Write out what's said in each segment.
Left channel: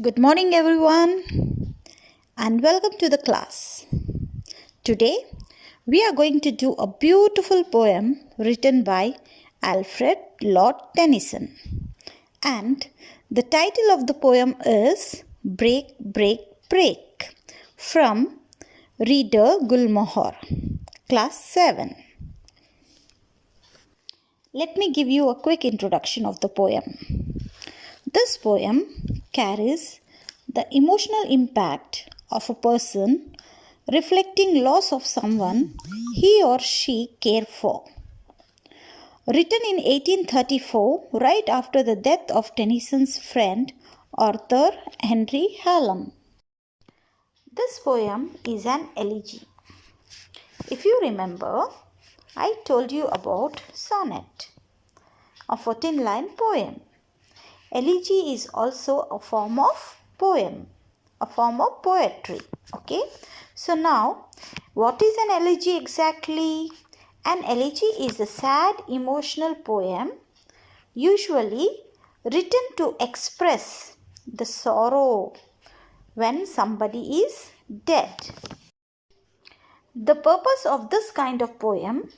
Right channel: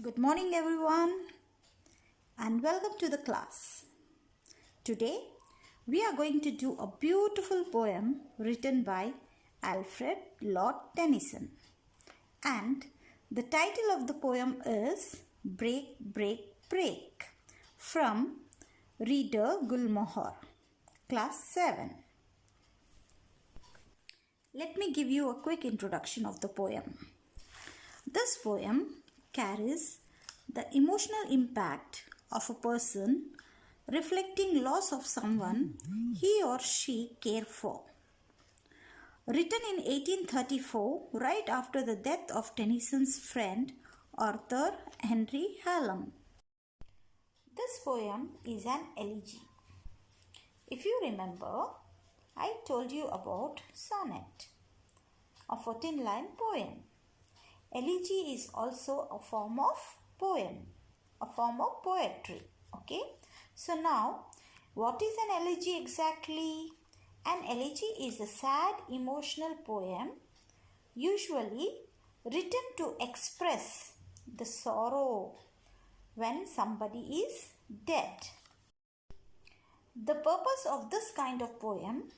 Good morning, everyone, and welcome to the class. Today, we are going to do a beautiful poem written by Alfred Lord Tennyson. And the title of the poem is Break, Break, Break from Reader Gulmohar, Class 7. Let me give you a quick introduction of the poem. This poem carries the emotional impact of a person reflecting loss of someone he or she cared for. Written in 1834, right after the death of Tennyson's friend Arthur Henry Hallam. This poem is an elegy. If you remember, I told you about sonnet, a 14-line poem. Elegy is also a form of poem, a form of poetry. Okay. So now, what is an elegy exactly? An elegy is a sad emotional poem usually written to express the sorrow when somebody is dead. The purpose of this kind of poem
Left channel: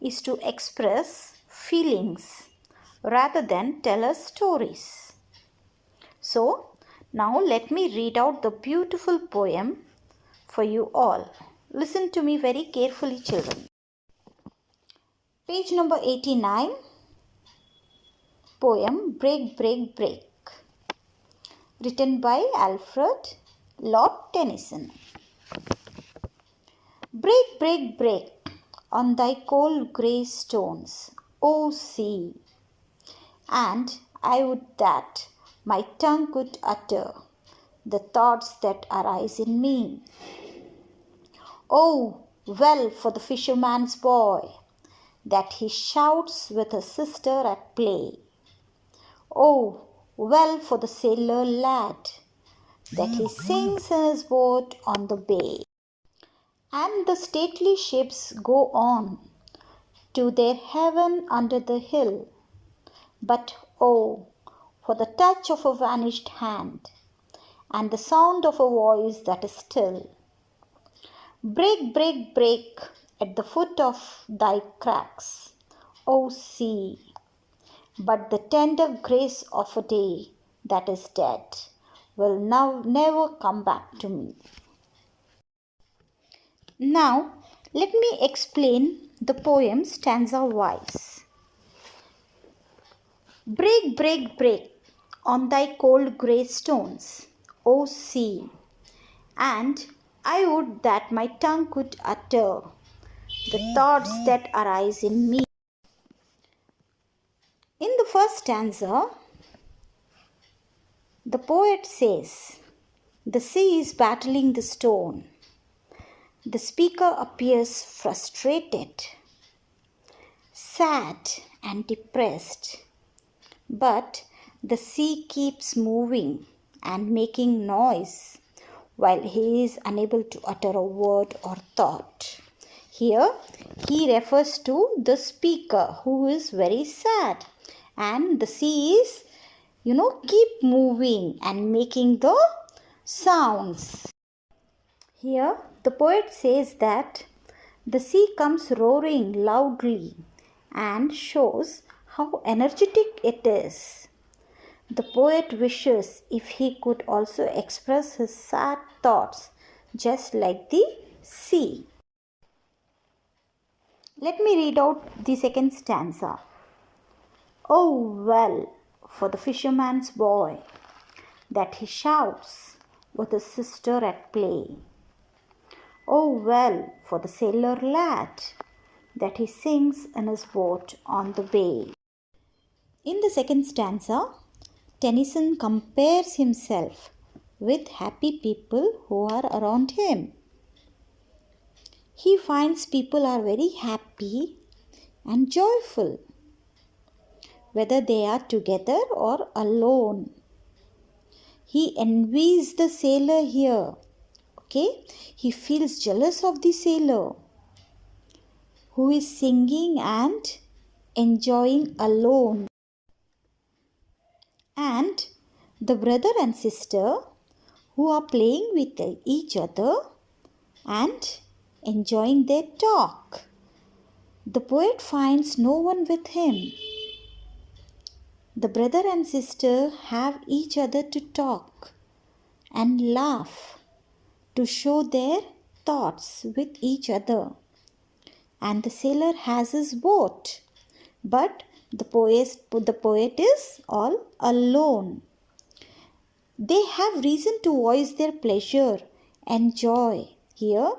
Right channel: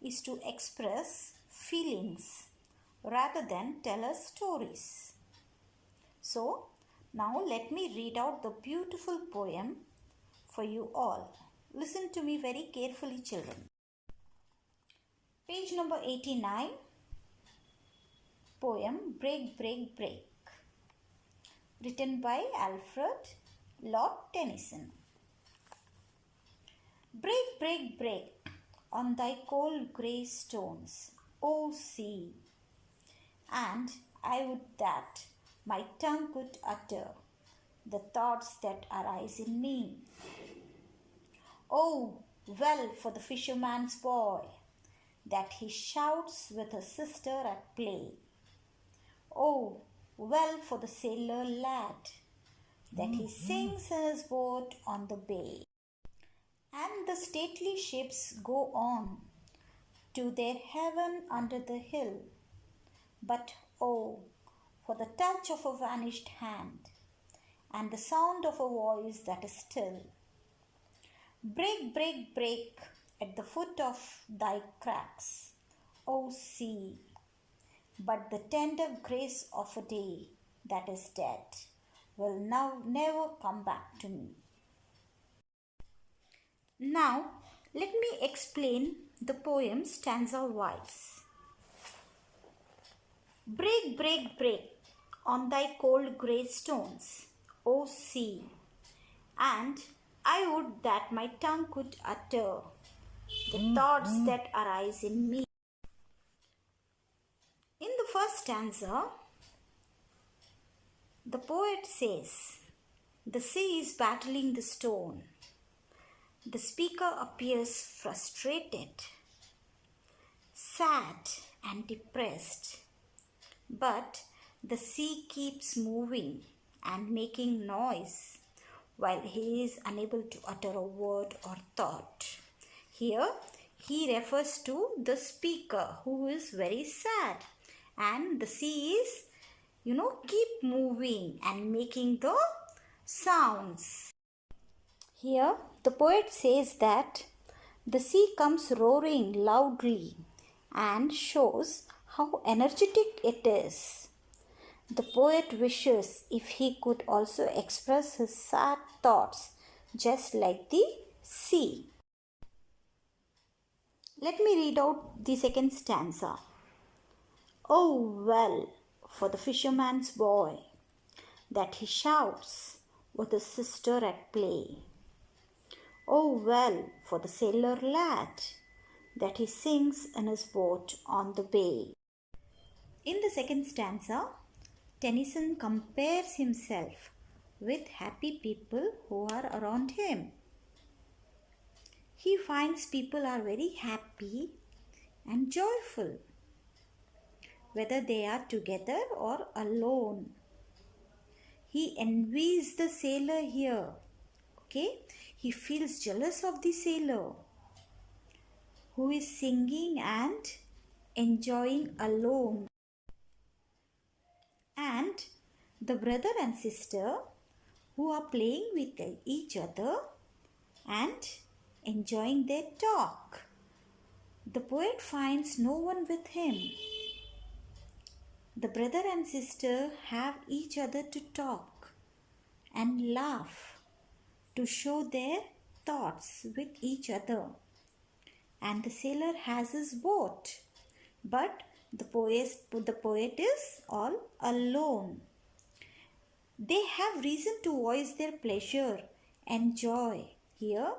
is to express feelings rather than tell us stories. So, now let me read out the beautiful poem for you all. Listen to me very carefully, children. Page number 89, poem Break, Break, Break, written by Alfred Lord Tennyson. Break, break, break on thy cold grey stones, O sea, and I would that my tongue could utter the thoughts that arise in me. Oh, well for the fisherman's boy, that he shouts with his sister at play. Oh, well for the sailor lad, that he sings in his boat on the bay. And the stately ships go on to their heaven under the hill. But oh, for the touch of a vanished hand, and the sound of a voice that is still. Break, break, break at the foot of thy cracks, O sea, but the tender grace of a day that is dead will now never come back to me. Now, let me explain the poem stanza-wise. Break, break, break on thy cold grey stones, O sea, and I would that my tongue could utter the thoughts that arise in me. In the first stanza, the poet says, the sea is battling the stone. The speaker appears frustrated, sad, and depressed. But the sea keeps moving and making noise while he is unable to utter a word or thought. Here, he refers to the speaker who is very sad, and the sea is, keep moving and making the sounds. Here, the poet says that the sea comes roaring loudly and shows how energetic it is. The poet wishes if he could also express his sad thoughts just like the sea. Let me read out the second stanza. Oh, well for the fisherman's boy, that he shouts with his sister at play. Oh, well for the sailor lad, that he sings in his boat on the bay. In the second stanza, Tennyson compares himself with happy people who are around him. He finds people are very happy and joyful, whether they are together or alone. He envies the sailor here. Okay, he feels jealous of the sailor who is singing and enjoying alone. And The brother and sister who are playing with each other and enjoying their talk. The poet finds no one with him. The brother and sister have each other to talk and laugh, to show their thoughts with each other. And the sailor has his boat, but the poet is all alone. They have reason to voice their pleasure and joy. Here,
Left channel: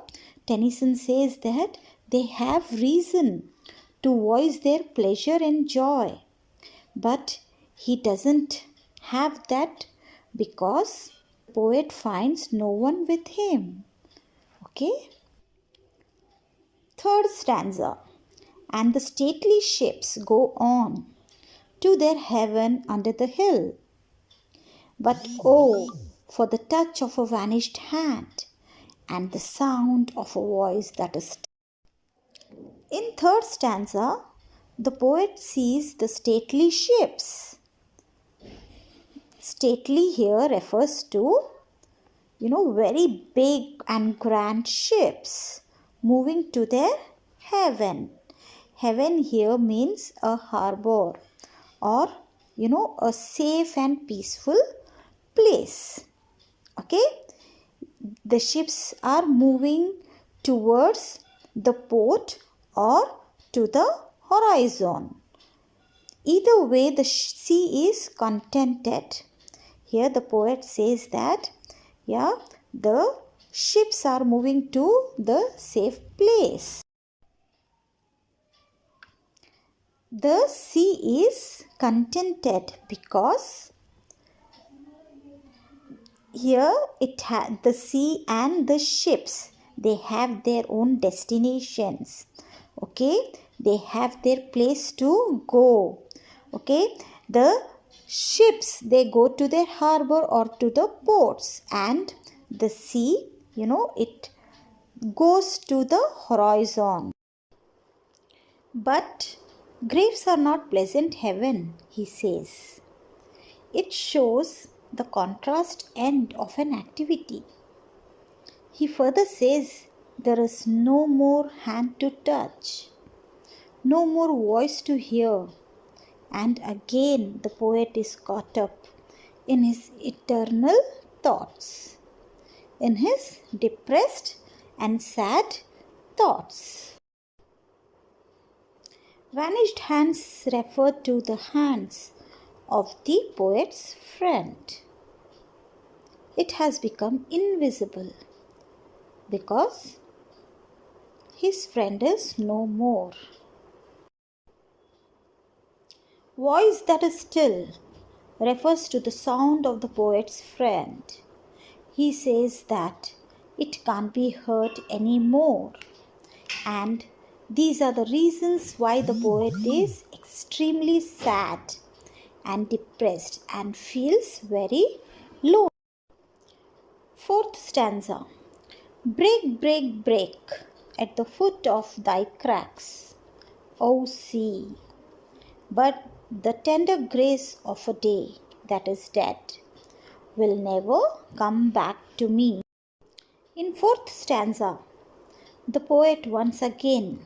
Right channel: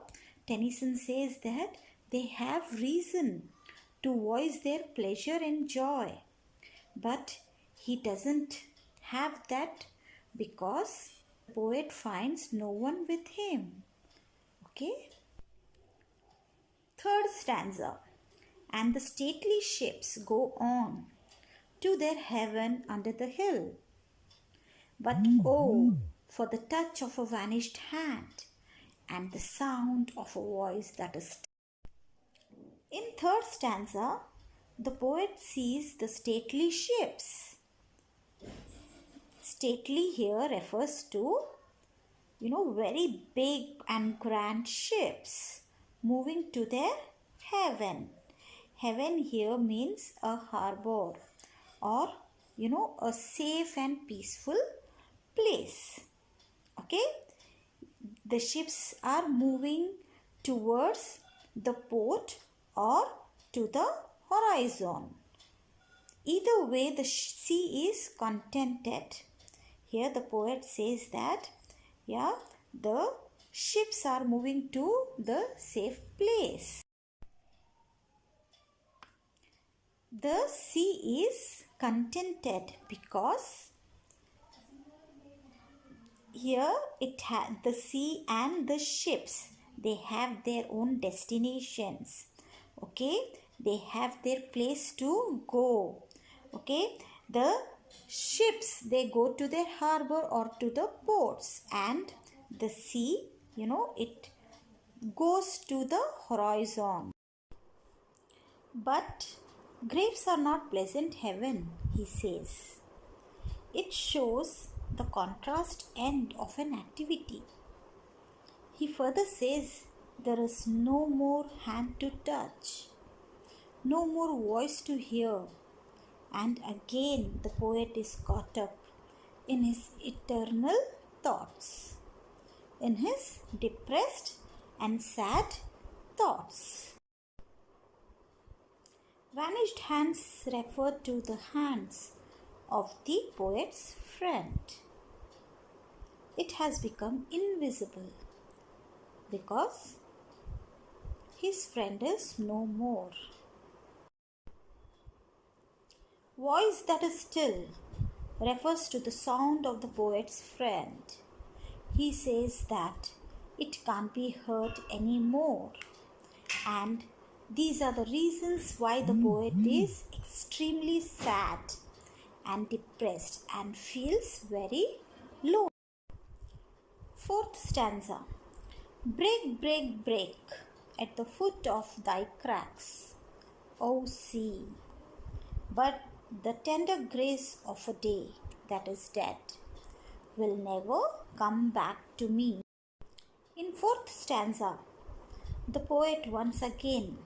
Tennyson says that they have reason to voice their pleasure and joy. But he doesn't have that because the poet finds no one with him. Okay? Third stanza. And the stately ships go on to their heaven under the hill. But oh, for the touch of a vanished hand and the sound of a voice that is still. In third stanza, the poet sees the stately ships. Stately here refers to, very big and grand ships moving to their heaven. Heaven here means a harbor or, a safe and peaceful place. Okay? The ships are moving towards the port or to the horizon. Either way, the sea is contented. Here the poet says that, the ships are moving to the safe place. The sea is contented because here the sea and the ships, they have their own destinations. Okay, they have their place to go. Okay, the ships, they go to their harbor or to the ports, and the sea, it goes to the horizon. But graves are not pleasant heaven, he says. It shows the contrast end of an activity. He further says there is no more hand to touch, no more voice to hear, and again the poet is caught up in his eternal thoughts, in his depressed and sad thoughts. Vanished hands refer to the hands of the poet's friend. It has become invisible because his friend is no more. Voice that is still refers to the sound of the poet's friend. He says that it can't be heard anymore, and these are the reasons why the poet is extremely sad and depressed and feels very low. Fourth stanza. Break, break, break at the foot of thy cracks, O sea, but the tender grace of a day that is dead will never come back to me. In fourth stanza, the poet once again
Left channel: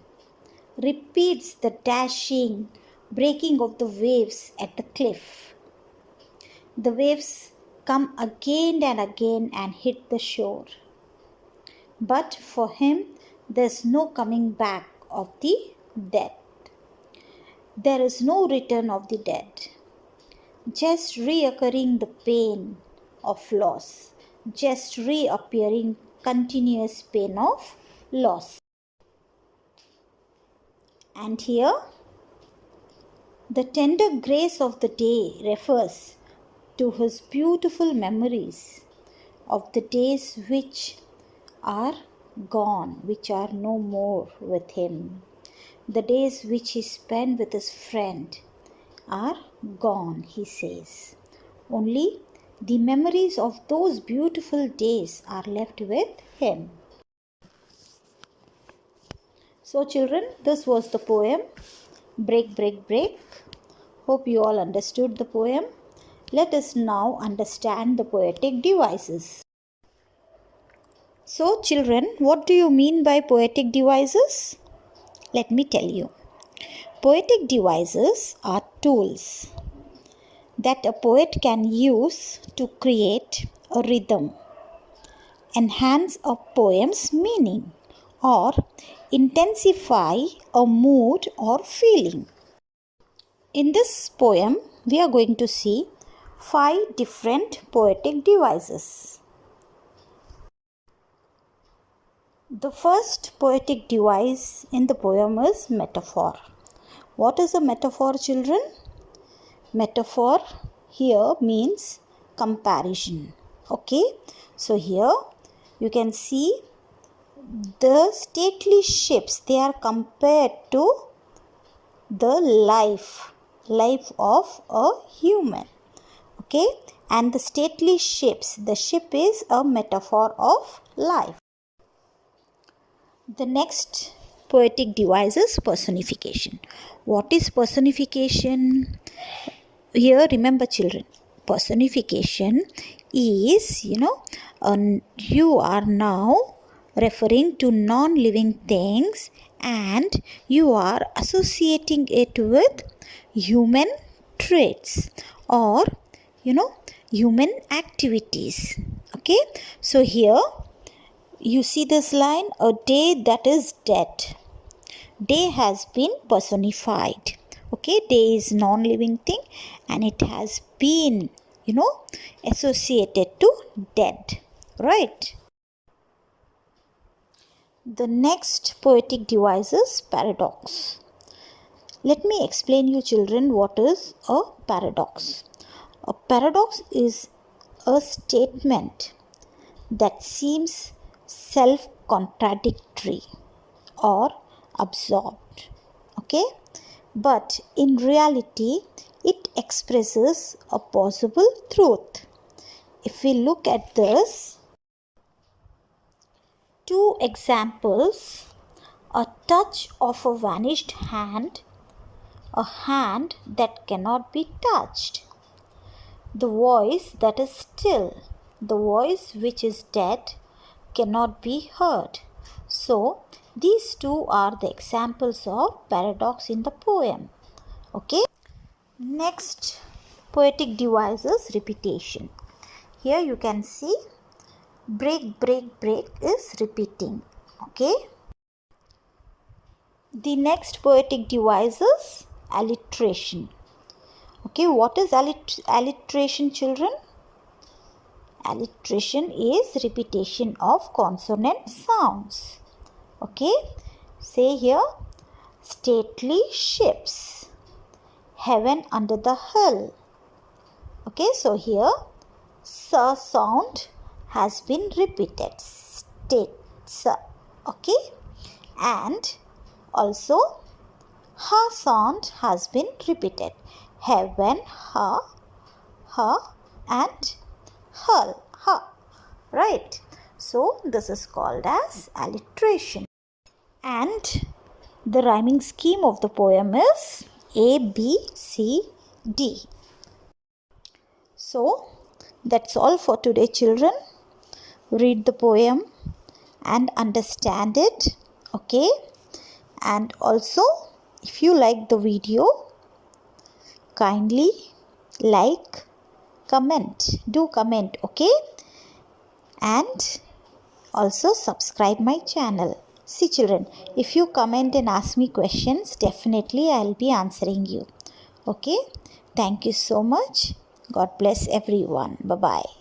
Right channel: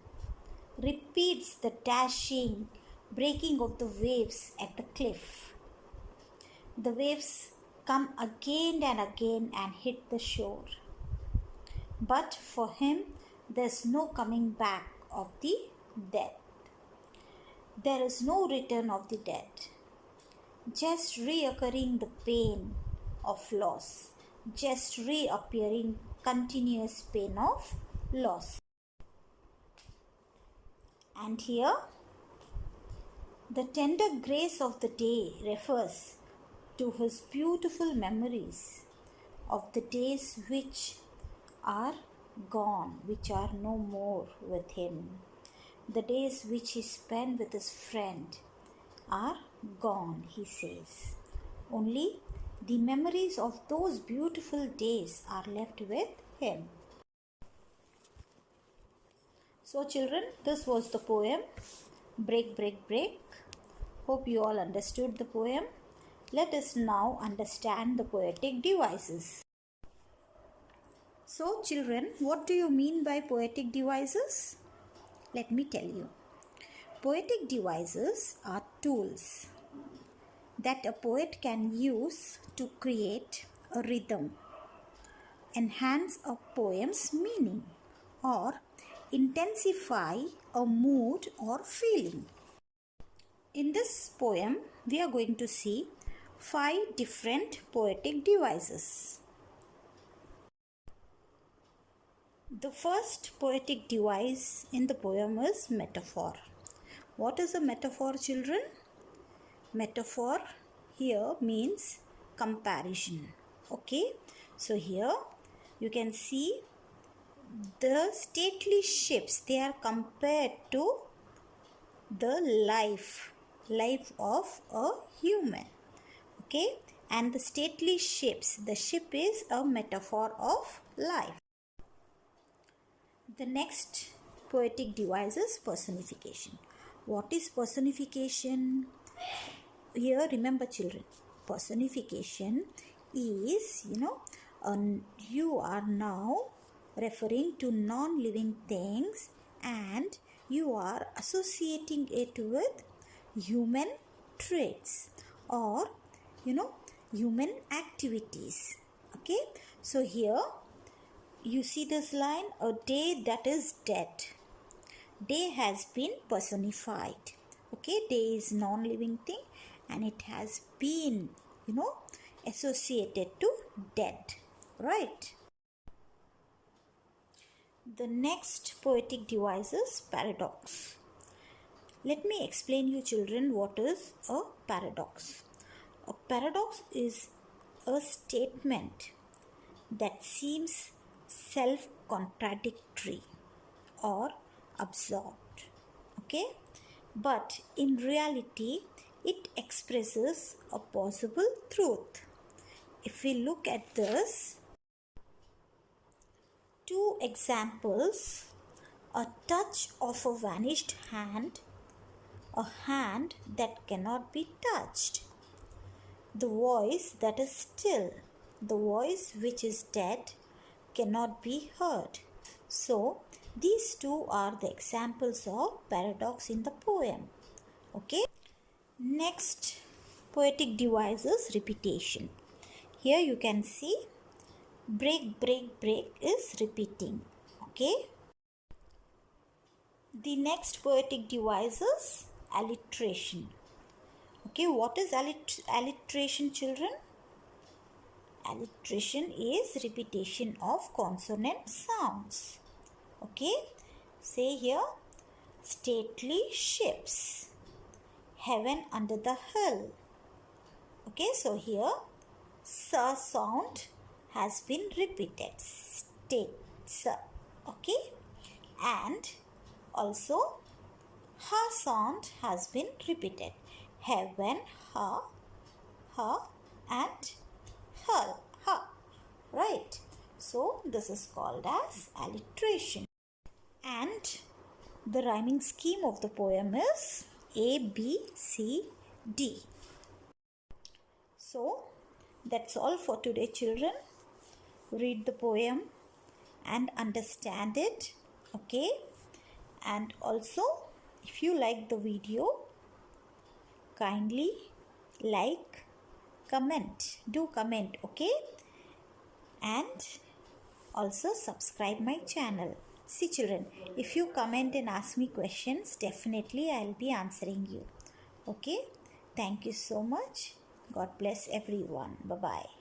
repeats the dashing, breaking of the waves at the cliff. The waves come again and again and hit the shore. But for him, there's no coming back of the dead. There is no return of the dead. Just reoccurring the pain of loss. Just reappearing continuous pain of loss. And here, the tender grace of the day refers to his beautiful memories of the days which are gone, which are no more with him. The days which he spent with his friend are gone, he says. Only the memories of those beautiful days are left with him. So children, this was the poem Break, Break, Break. Hope you all understood the poem. Let us now understand the poetic devices. So children, what do you mean by poetic devices? Let me tell you. Poetic devices are tools that a poet can use to create a rhythm, enhance a poem's meaning, or intensify a mood or feeling. In this poem, we are going to see 5 different poetic devices. The first poetic device in the poem is metaphor. What is a metaphor, children? Metaphor here means comparison. Okay, so here you can see the stately ships, they are compared to the life of a human. Okay, and the stately ships, the ship is a metaphor of life. The next poetic device is personification. What is personification? Here, remember children, personification is, you are now referring to non-living things and you are associating it with human traits or, human activities. Okay, so here you see this line, a day that is dead. Day has been personified. Okay, day is non-living thing and it has been, associated to dead. Right? The next poetic device is paradox. Let me explain you children what is a paradox. A paradox is a statement that seems self-contradictory or absorbed. Okay, but in reality it expresses a possible truth. If we look at this, 2 examples, a touch of a vanished hand, a hand that cannot be touched, the voice that is still, the voice which is dead cannot be heard. So these 2 are the examples of paradox in the poem. Okay. Next poetic device is repetition. Here you can see break, break, break is repeating. Okay. The next poetic device is alliteration. Okay, what is alliteration, children? Alliteration is repetition of consonant sounds. Okay, say here, stately ships, heaven under the hill. Okay, so here, sa sound has been repeated, state, sa. Okay, and also ha sound has been repeated, heaven, ha, and hull, ha. Right? So this is called as alliteration. And the rhyming scheme of the poem is A, B, C, D. So that's all for today, children. Read the poem and understand it. Okay? And also, if you like the video, kindly like, comment. Do comment, okay? And also subscribe my channel. See children, if you comment and ask me questions, definitely I'll be answering you. Okay? Thank you so much. God bless everyone. Bye-bye.